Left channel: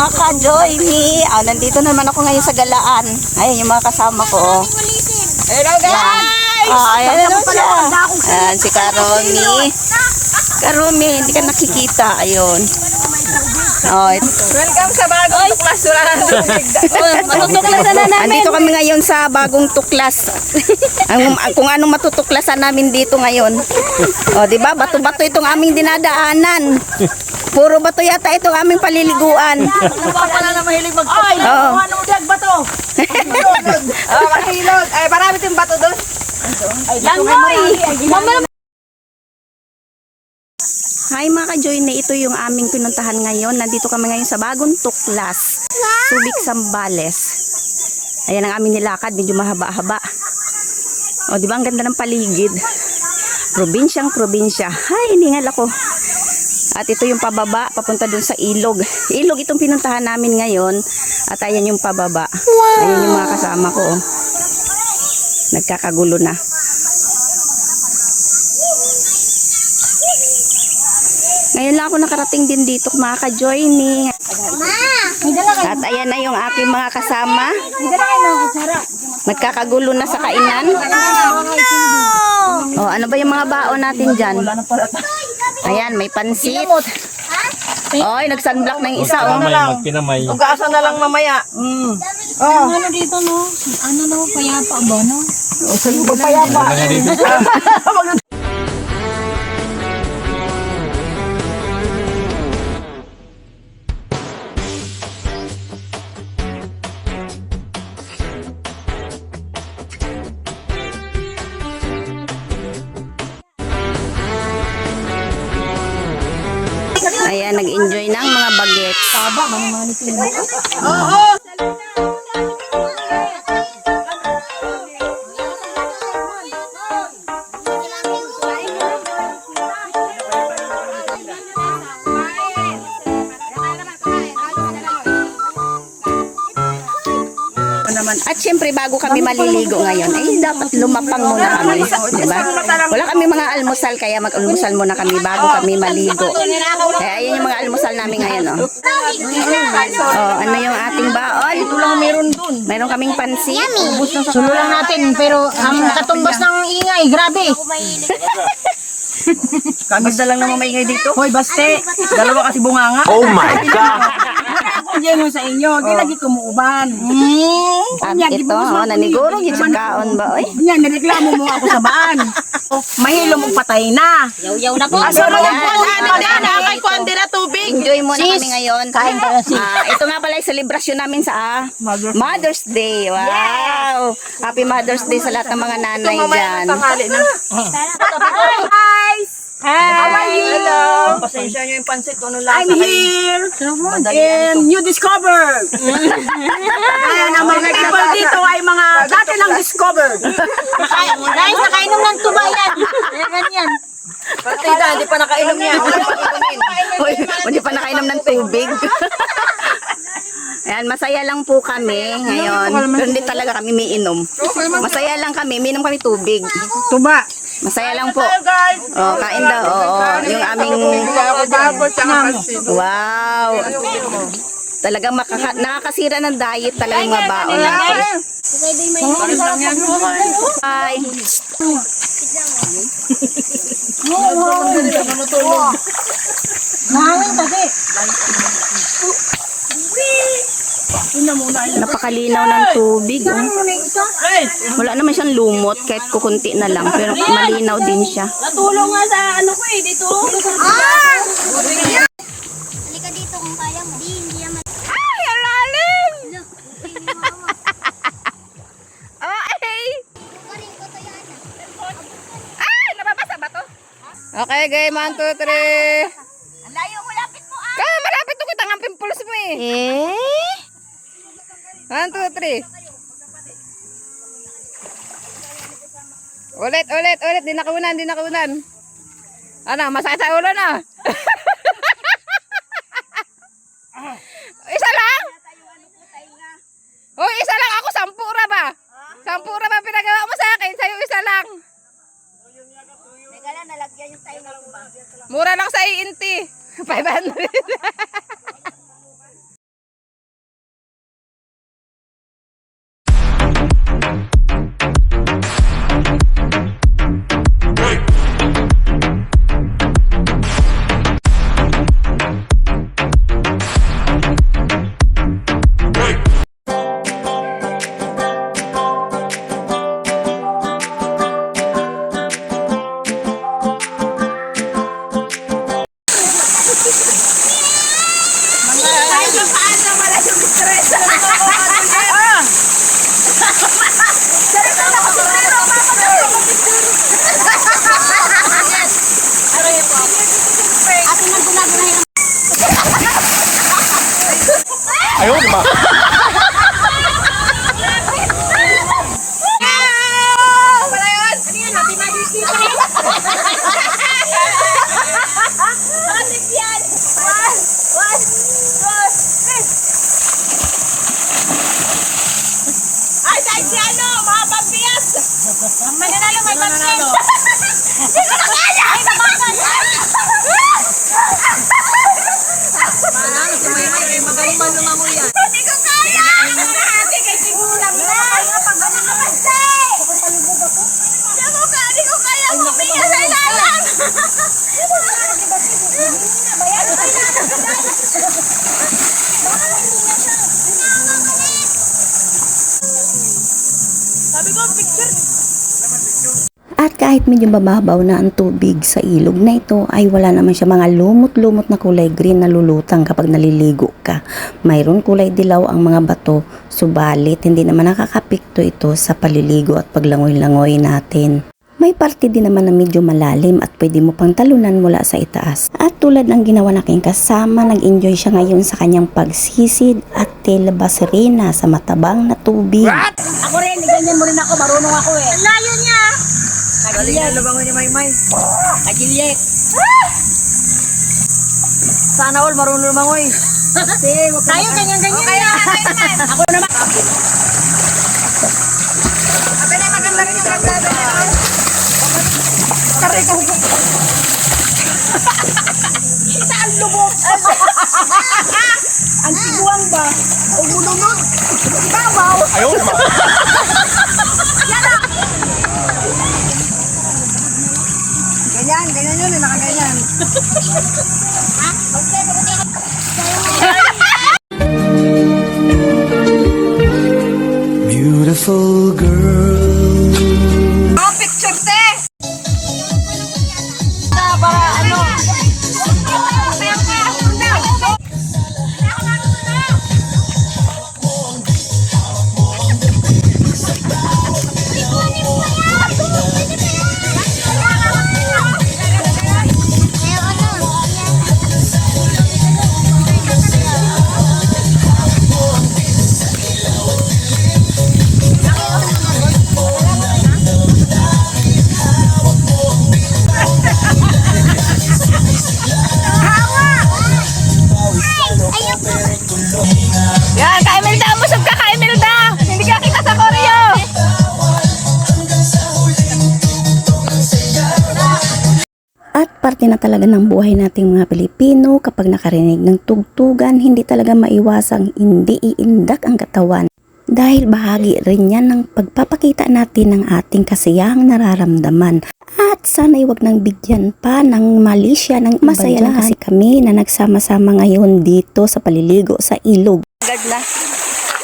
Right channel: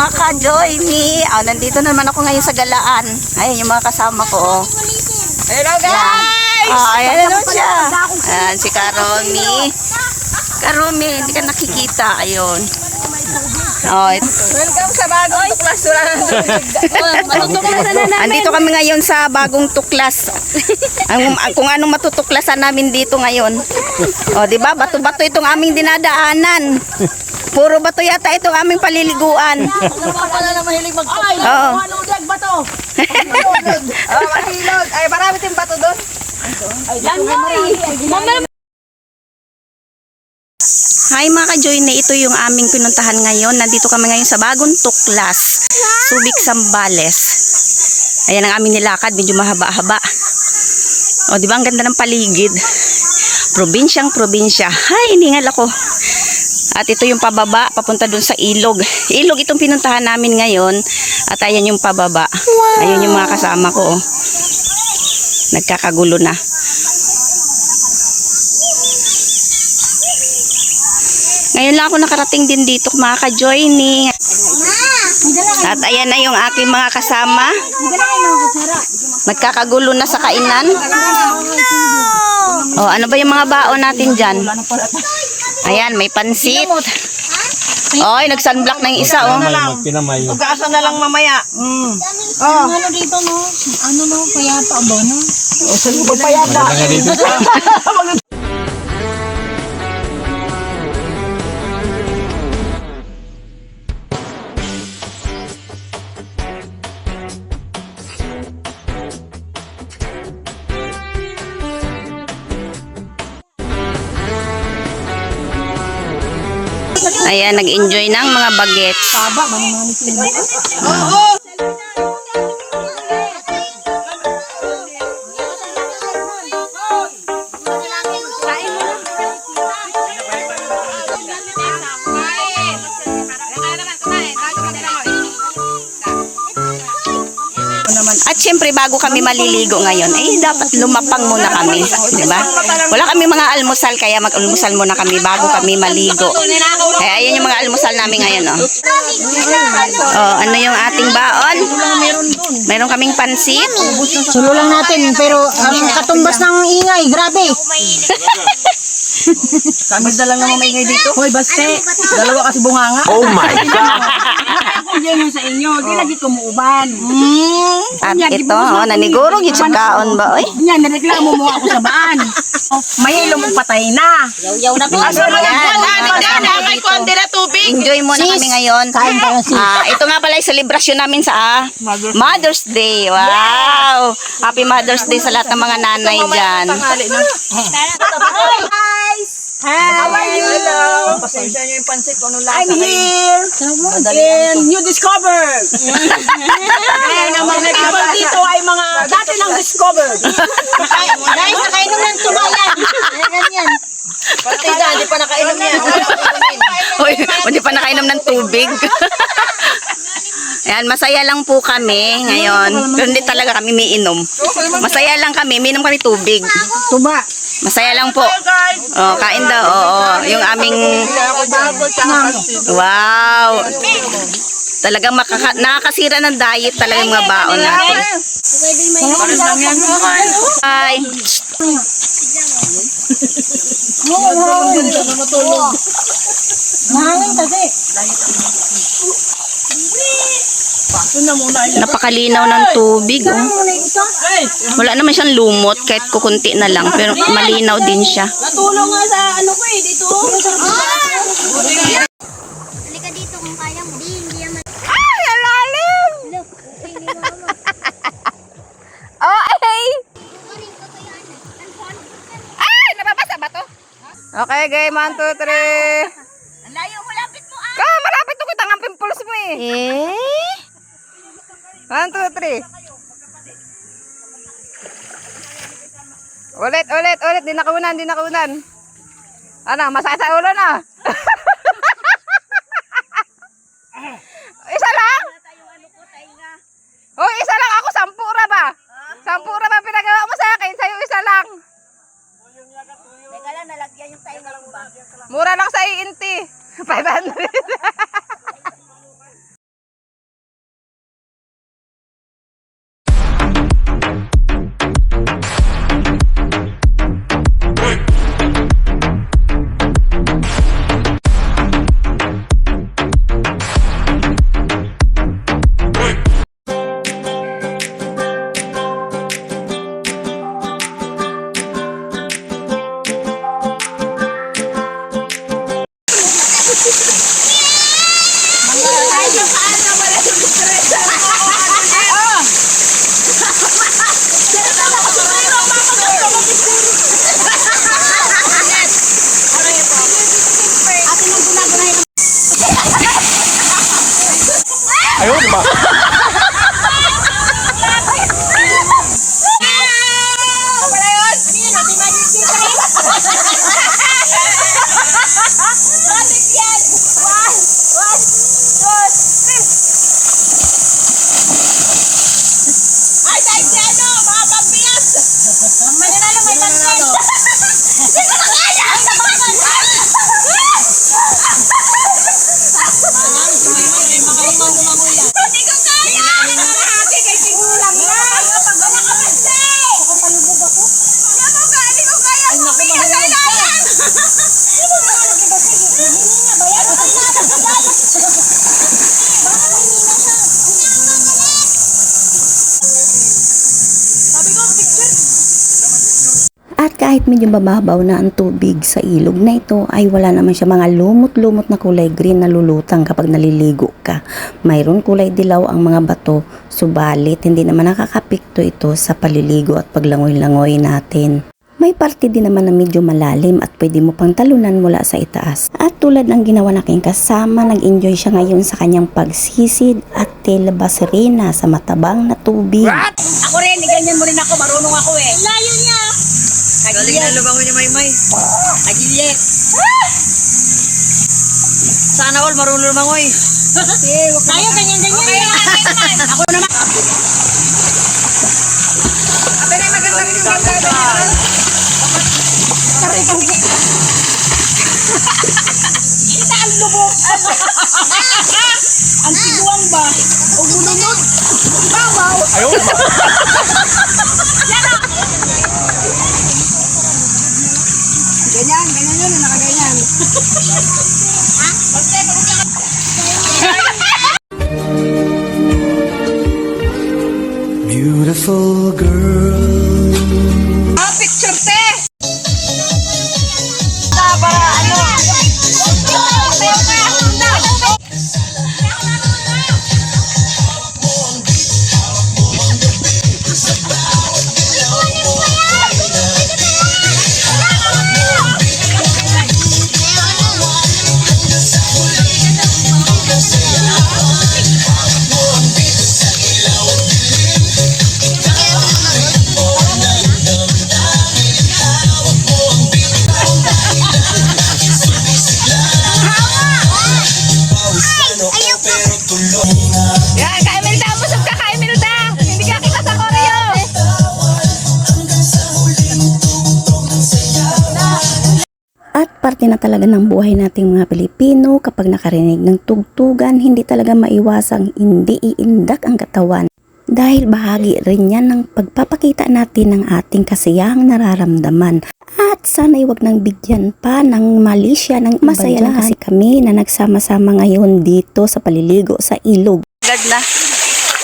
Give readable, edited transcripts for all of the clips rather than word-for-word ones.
Mga ka-joy me. Oh, nandito naman ako ngayon sa galaan. Ayun yung mga kasama ko. Oh. Hello guys! Ayan naman siya. Ayan si Karoni. Karoni, hindi ka nakikita. Ayun. Oh, Welcome sa bagong klasuran. andito kami ngayon sa bagong tuklas. Kung anong matutuklasan namin dito ngayon. O, di ba? Bato-bato itong aming dinadaanan. Puro bato yata itong aming paliliguan. Wala na mahilig mag-ay. Oo. Anong dag bato? Ay, marami tayong bato doon. Ay, langoy. Hi mga ka-joy na, ito yung aming pinuntahan ngayon. Nandito kami ngayon sa bagong tuklas. Subic, Zambales. Ayan ang aming nilakad, medyo mahaba-haba. O, di ba ang ganda ng paligid? Probinsyang probinsya. Ay, hiningal ako. At ito yung pababa, papunta dun sa ilog. Ilog itong pinuntahan namin ngayon. At ayan yung pababa. Ayun yung mga kasama ko. Nagkakagulo na. Ngayon lang ako nakarating din dito, mga ka-joining. At ayan na yung aking mga kasama. Nagkakagulo na sa kainan. Oh, ano ba yung mga baon natin dyan? Ayan, may pansit. Oy, nag-sunblock na yung isa, oh. Pagkaasa na lang mamaya. Oh. Ano dito no? Ano no? Payapa ba no? O, sa iyo payapa. Ayan, nag-enjoy ng mga bagets. At syempre bago kami maliligo ngayon, dapat lumapang muna kami, di ba? Wala kami mga almusal, kaya mag-almusal muna kami bago kami maligo. Kaya ayan yung mga almusal namin ngayon, oh. Oh, ano yung ating baon? Meron kaming pansit. Sulo lang natin pero ang katumbas ng ingay, grabe. Kami na lang naman maingay dito. Hoy, baste. Dalawa kasi bunganga. Oh my God! Ako dyan yung sa inyo. Di lagi kumuuban. At ito, oh, nanigurog yung kaon ba, oy? Yan, nareklamo mo ako sa baan. Mahilo mong patay na. Yaw na po. Enjoy muna kami ngayon. Ito nga pala yung celebration namin sa Mother's Day. Wow! Happy Mother's Day sa lahat ng mga nanay dyan. How are you? Hello. Pasensya nyo yung pansit. Ano lang I'm here. And you discovered. And ang mga people dito ay mga dati nang discovered. Guys, nakainom ng tubayan. Ganyan. Partida, hindi pa nakainom yan. Uy, hindi pa nakainom ng tubig. Ayan, masaya lang po kami ngayon. Pero hindi talaga kami miinom. Masaya lang kami, miinom kami tubig. Tuba. Masaya lang po. Oh, kain daw. Oo, yung aming wow. Talagang nakakasira ng diet talaga yung mga baon natin. Bye. Napakalinaw ng tubig, oh. Wala naman siyang lumot kahit kukunti na lang, pero malinaw din siya. Natulong nga sa ano ko eh dito. Halika dito kung kaya mo. Hindi yan. Ay, ang lalim! Look, ni mama. Oh, ay! Kumarin ko to yan. Ay, nababasa ba to? Okay, game. 1, 2, 3. Ang layo mo, lapit mo ah. Malapit to kita ng pimples mo eh. 1, 2, 3. Ulit. Di nakunan. Ano, masakit sa ulo na. Isa lang? Oh, isa lang. Ako, 10 ra ba? 10 ra ba pinagawa mo sa akin? Sa'yo isa lang. Teka lang, nalagyan yung tayo ng ba? Mura lang sa iinti. 500. Ah! Ayaw, di ba? Ay, dahil si ano, mga pampias! Ang mananalo may pansin! Hindi ko na kaya! Ay, nabakan! Hindi ko kaya! Ate, kay Tigulang na! Ay, kapag makapasti! Kapalubog ako? Hindi ko kaya! Ay, naku, mahulog ka! At kahit medyo mababaw na ang tubig sa ilog na ito ay wala naman siya mga lumot-lumot na kulay green na lulutang kapag naliligo ka. Mayroon kulay dilaw ang mga bato, subalit hindi naman nakakapikto ito sa paliligo at paglangoy-langoy natin. May parte din naman na medyo malalim at pwede mo pang talunan mula sa itaas. At tulad ng ginawa ng aking kasama, nag-enjoy siya ngayon sa kanyang pagsisid at tilabas rin sa matabang na tubig. Ako rin, ganyan mo rin ako, marunong ako eh. Ang layo niya! Galing na lubangon ni Maymay. Nagiliet. Sana all marunong lumangoy. Tayo, ganyan-ganyan. Okay, ako naman. Ate na maganda rin yung ganda niya. Taray ko. Kita ang lubog. Ang tiguang ba? O mulunod. Babaw. Ayaw, di ba? Ganyan yun, nakaganyan. Beautiful girl. Picture te! Para ano? Yan, kain Melda, busog ka, kain Melda. Hindi ka kita sa Koreo. At parte na talaga ng buhay nating mga Pilipino kapag nakarinig ng tugtugan, hindi talaga maiwasang hindi iindak ang katawan. Dahil bahagi rin yan ng pagpapakita natin ng ating kasiyahang nararamdaman. At sana'y wag nang bigyan pa ng mali siya ng masaya lang kasi kami na nagsama-sama ngayon dito sa paliligo sa ilog. Agad na,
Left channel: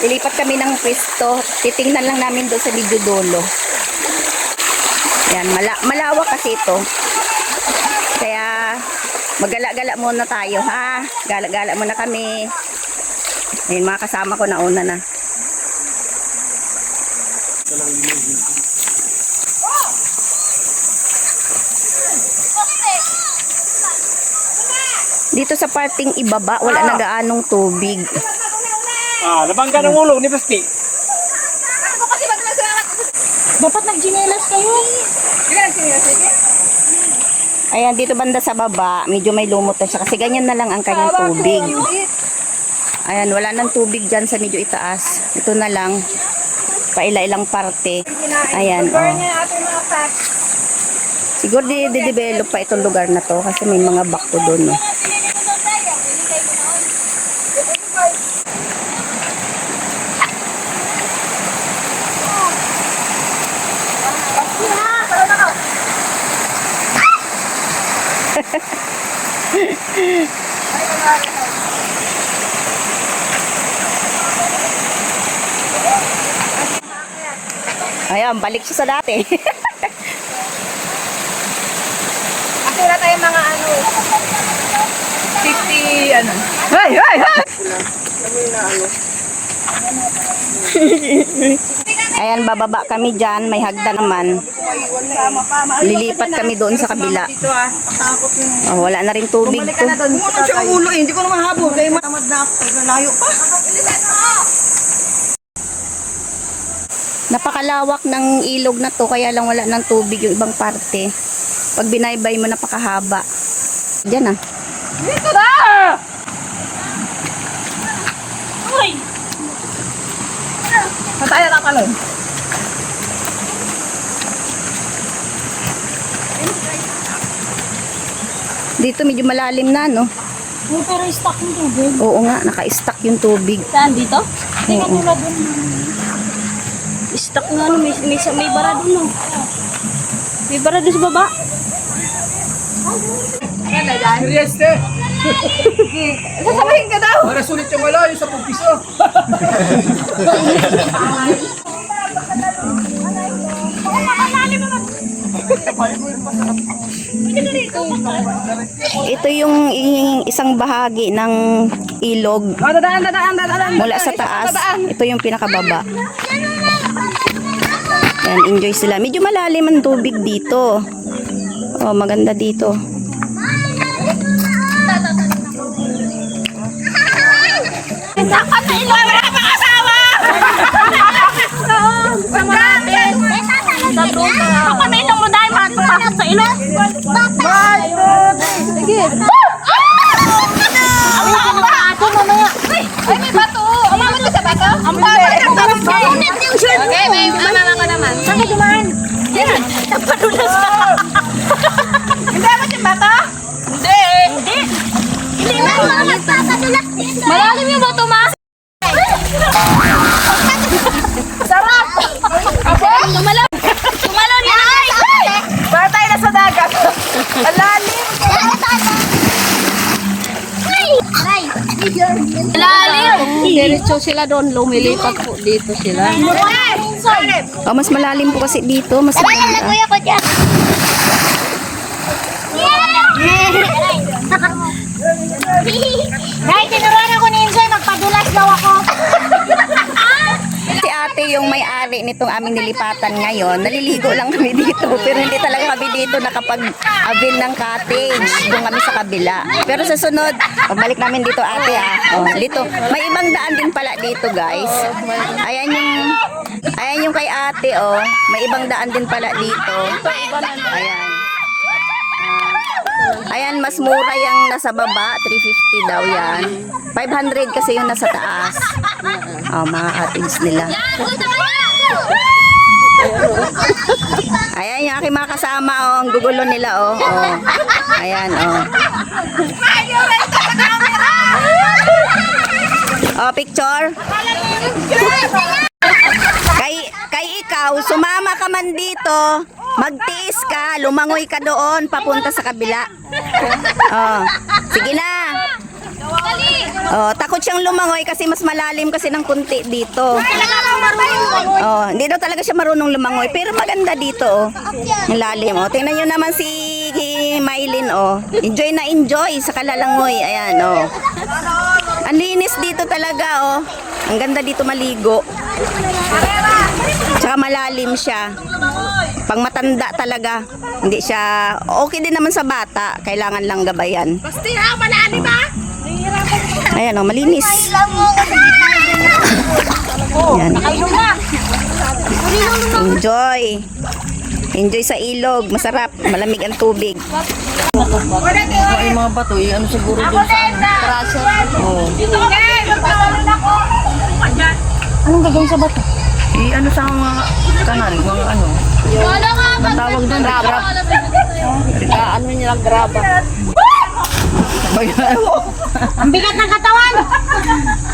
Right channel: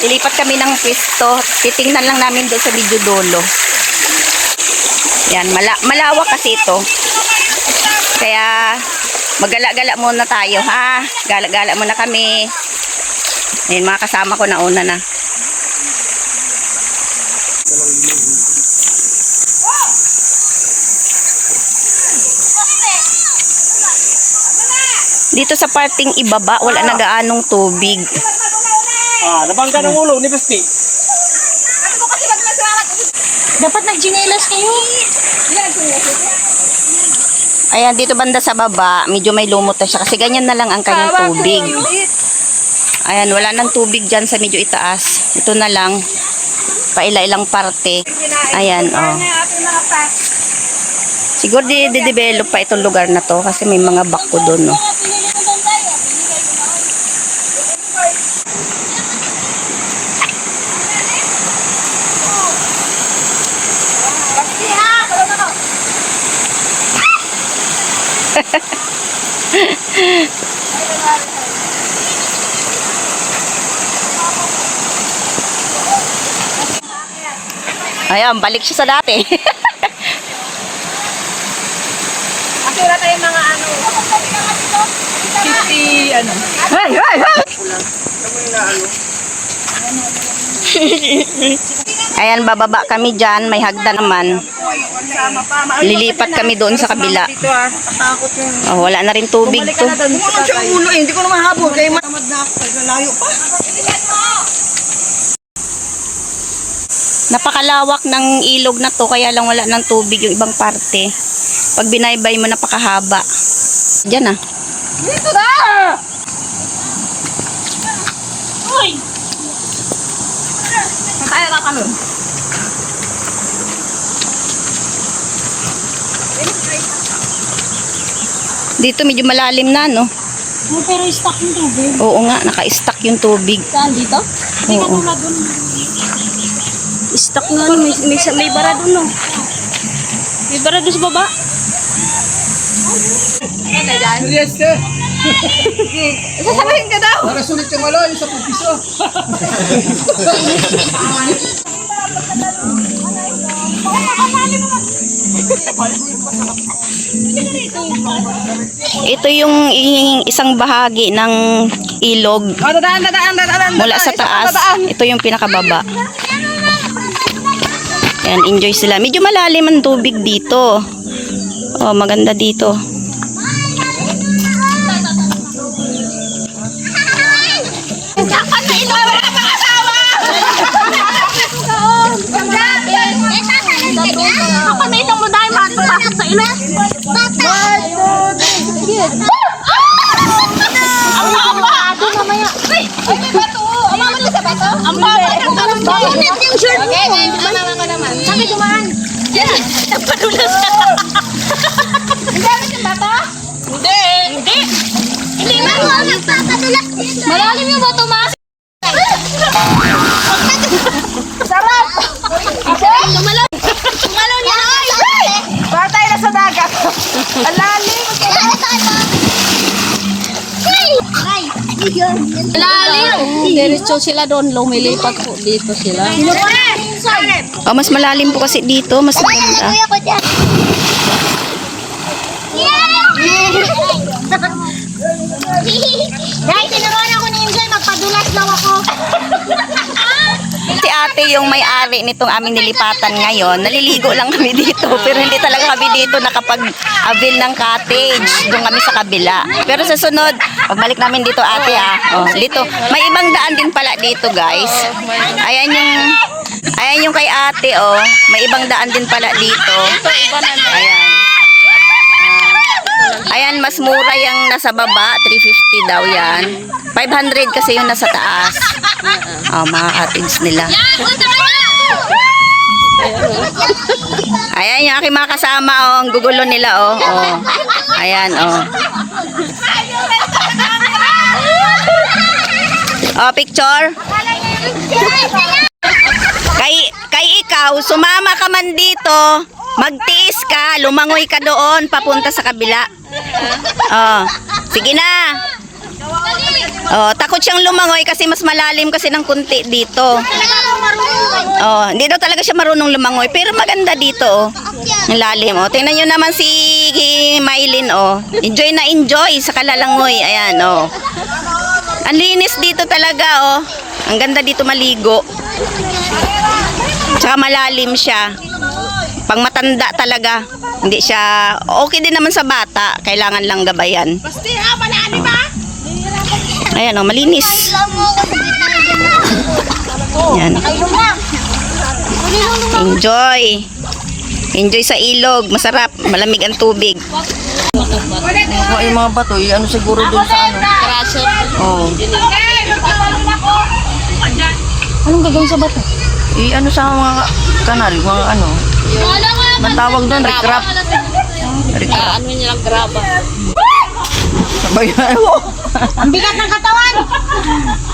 lilipat kami ng pwesto, titingnan lang namin doon sa video dolo. Yan, malawak kasi ito. Kaya magala-gala muna tayo ha. Gala-gala muna kami. Ayun, mga kasama ko na una na. Dito sa parting ibaba, wala na gaanong tubig. Nabangga ng ulo ni Pesti. Dapat nagjinelas kayo. Ayan, dito banda sa baba, medyo may lumot na siya kasi ganyan na lang ang kanyang tubig. Ayan, wala nang tubig dyan sa medyo itaas. Ito na lang, paila-ilang parte. Ayan, oh. Siguro di-develop pa itong lugar na to kasi may mga bako doon, no. Ayan, balik siya sa dati. Akira tayo mga ano. Hey, hey, hey! Ayan, bababa kami dyan. May hagda naman. Lilipat kami doon sa kabila. Oh, wala na rin tubig to. Hindi ko na mahabol. Kaya Napakalawak ng ilog na to, kaya lang wala ng tubig yung ibang parte. Pag binaybay mo, napakahaba. Diyan ah. dito na! Mataya na kalon. Dito medyo malalim na, no? Pero stock yung tubig. Oo nga, naka-stack yung tubig. Saan dito? Oo. Stock na may bara doon no. May bara doon sa baba. Este, Sabihin ka daw! para sulit yung alo, yung 10 piso. Ito yung isang bahagi ng ilog Dadaan. mula sa taas. Ito yung pinakababa. Yan, enjoy sila. Medyo malalim ang tubig dito. Oh, maganda dito. Kapaminom mo dahil makakapasok sa ilo. Ay, may bato! Umamot ka sa bato? Ang bato ng barangay! Okay, may mama ko naman. Saan ka dumaan? Nagpadulas ka. Hindi abot yung bato? Hindi. Hindi na mo magpapadulas dito. Malalim yung bato, ma? Sarap! Okay? Tumalon yan. Bago tayo na sa dagat. Alalim! Lalim. Diretso sila doon, lumilipat po dito sila. Oh, mas malalim po kasi dito. Mas maganda. Kuya ko dyan. Guys, tinuruan ako ni Enjoy, magpadulas daw ako. Si ate yung may-ari nitong aming nilipatan ngayon. Naliligo lang kami dito. Pero hindi talaga kami dito nakapag-avail ng cottage. Doon kami sa kabila. Pero sa sunod, pagbalik namin dito ate oh, dito. May ibang daan din pala dito guys. Ayan yung kay ate oh. May ibang daan din pala dito. Ayan. Ayan, mas mura yung nasa baba. 350 daw yan. 500 kasi yung nasa taas. Oh, mga cottage nila. Ayan yung aking mga kasama, oh. Ang gugulo nila, oh. Oh. Ayan, oh. Oh, picture. Kay ikaw, sumama ka man dito. Magtiis ka, lumangoy ka doon, papunta sa kabila. Oh, sige na. Oh, takot siyang lumangoy kasi mas malalim kasi ng kunti dito. Oh, hindi daw talaga siya marunong lumangoy, pero maganda dito, oh. Ang lalim, oh. Tingnan niyo naman si Maylin, oh. Enjoy na enjoy sa kalalangoy. Ayan, oh. Ang linis dito talaga, oh. Ang ganda dito maligo. Tsaka malalim siya. Pang matanda talaga. Hindi siya, okay din naman sa bata. Kailangan lang gabayan. Basti ha, panaan ba? Ayan, oh, malinis. Yan. Enjoy. Enjoy sa ilog. Masarap. Malamig ang tubig. Yung mga bato, ano siguro doon sa ano? Crusher. Oh. Anong gagawin sa bato? Ano sa mga kanal, mga ano? Ang tawag doon, grab. Ano nila, graba. Ang bigat ng katawan.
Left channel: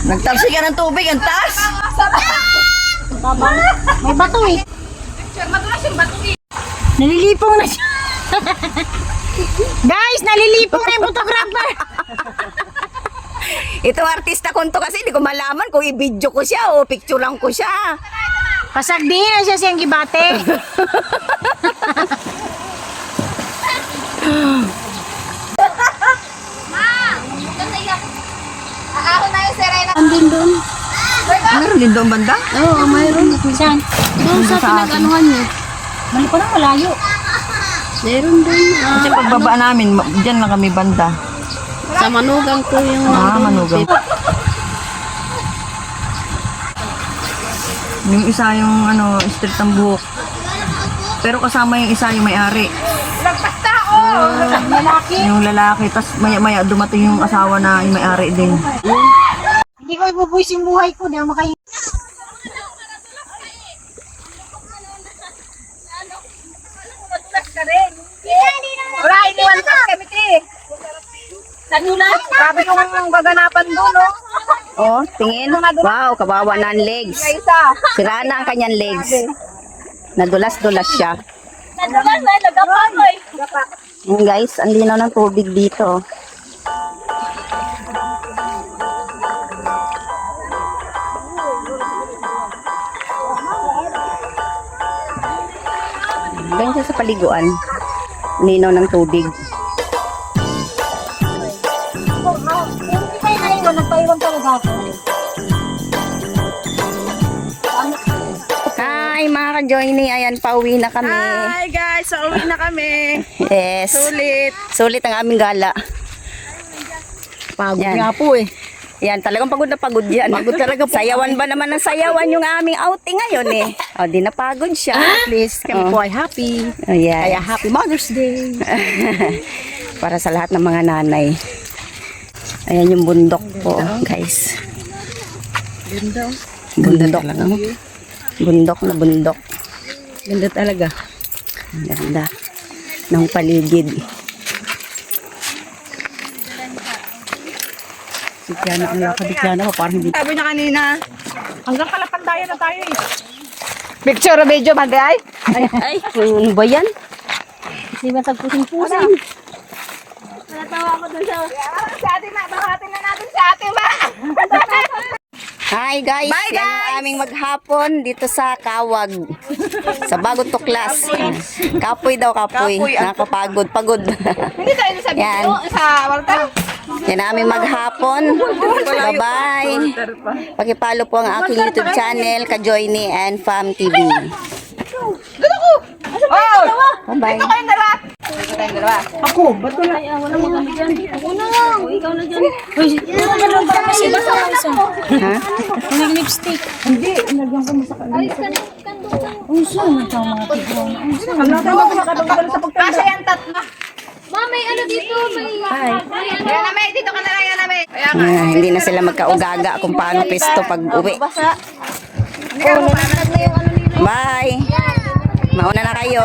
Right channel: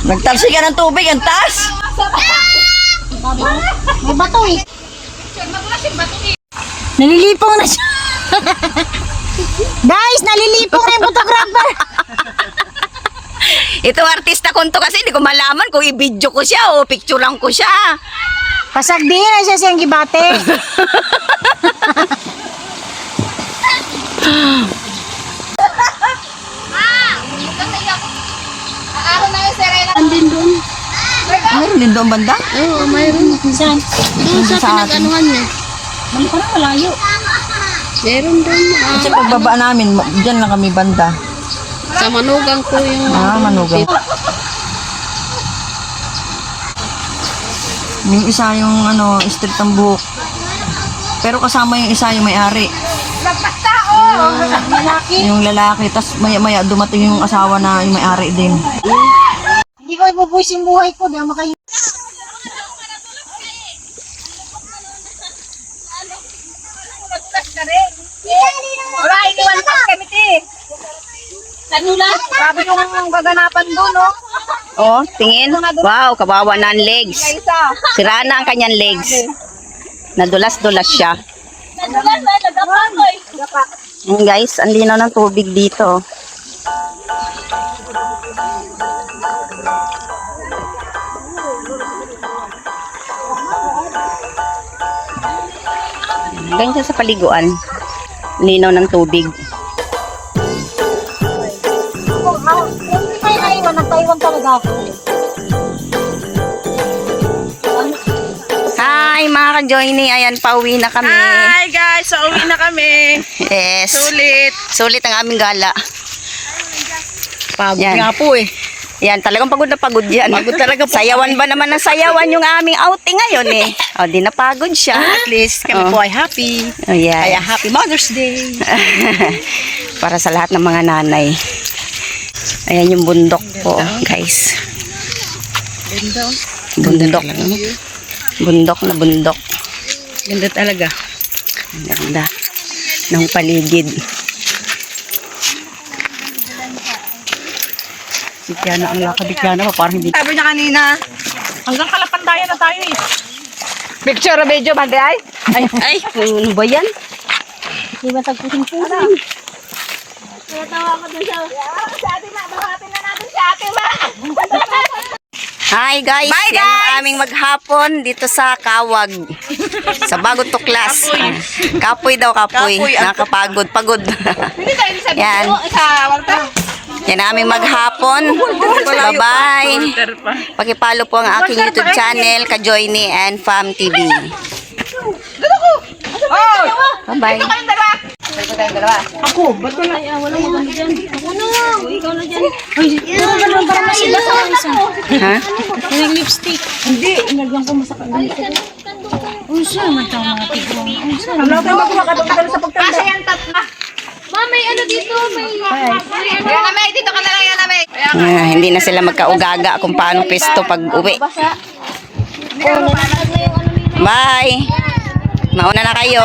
Nagtalsi ka ng tubig. Ang taas. May bato eh. Nalilipong na siya. Guys, nalilipong na yung photographer. Ito artista ko to kasi hindi ko malaman kung i-video ko siya o picturean ko siya. Pasagdihin na siya siyang gibate. din doon banda? Oo, mayroon. Saan? Doon sa pinag-anuhan niya. Mali ko na, malayo. Meron doon. Kasi pagbaba namin, dyan lang kami banda. Sa Manugang ko yung... Manugang. Yung isa yung straight ang buhok. Pero kasama yung isa yung may-ari. Yung lalaki. Tapos maya-maya dumating yung asawa na yung may-ari din. Hindi ko ibubuwis yung buhay ko. Di ako makahinga. Alright, iwan ka kami, te. Tanulan. Grabe kong gaganapan doon, no? Oh, tingin. Wow, kawawa na ang legs. Sira na ang kanyang legs. Nadulas-dulas siya. Guys, ang linaw ng tubig dito. Ganyan siya sa paliguan. Linaw ng tubig. Hindi kayo naiwan. Nagpaiwan talaga ako. Hi mga ka-joiny. Ayan, pauwi na kami. Hi guys! So, uwi na kami. Yes. Sulit ang aming gala. Pagod Yan. nga po eh. Yan, talagang pagod na pagod yan. Pagod talaga po Sayawan ba naman ng sayawan yung aming outing ngayon eh. O, di napagod siya. At least kami po ay happy. Oh, yes. Kaya happy Mother's Day. Para sa lahat ng mga nanay. Ayan yung bundok po, guys. Bundok. Bundok na bundok. Ganda talaga. Ang ganda ng paligid. Si Tiana ang lakad ni Tiana ko parang hindi. Sabi niya kanina, hanggang Kalapandayan na tayo eh. Picture video bagay. Ay, ano ba yan? Di ba tagpusing-pusing? Kaya tawa ko dun siya. Hi guys, yan ang aming maghapon dito sa Kawag. Sa Bagong Tuklas. Kapoy daw, kapoy. Nakakapagod, pagod. Yan. Yan ang aming maghapon. Bye-bye. Pakipalo po ang aking YouTube channel, Ka-Joiny and Fam TV. Bye-bye. Ha? Yung lipstick. Hindi, inagyan ko mo sa kanila. Uy, siya, magtawang mga tigong. Uy, siya. Ano ka magkakatagal sa pagtanda? Kasi yan Ma, may ano dito, may... Hindi na sila magkaugaga kung paano pisto pag uwi. Natag na yung ano nila. Bye. Mauna na kayo.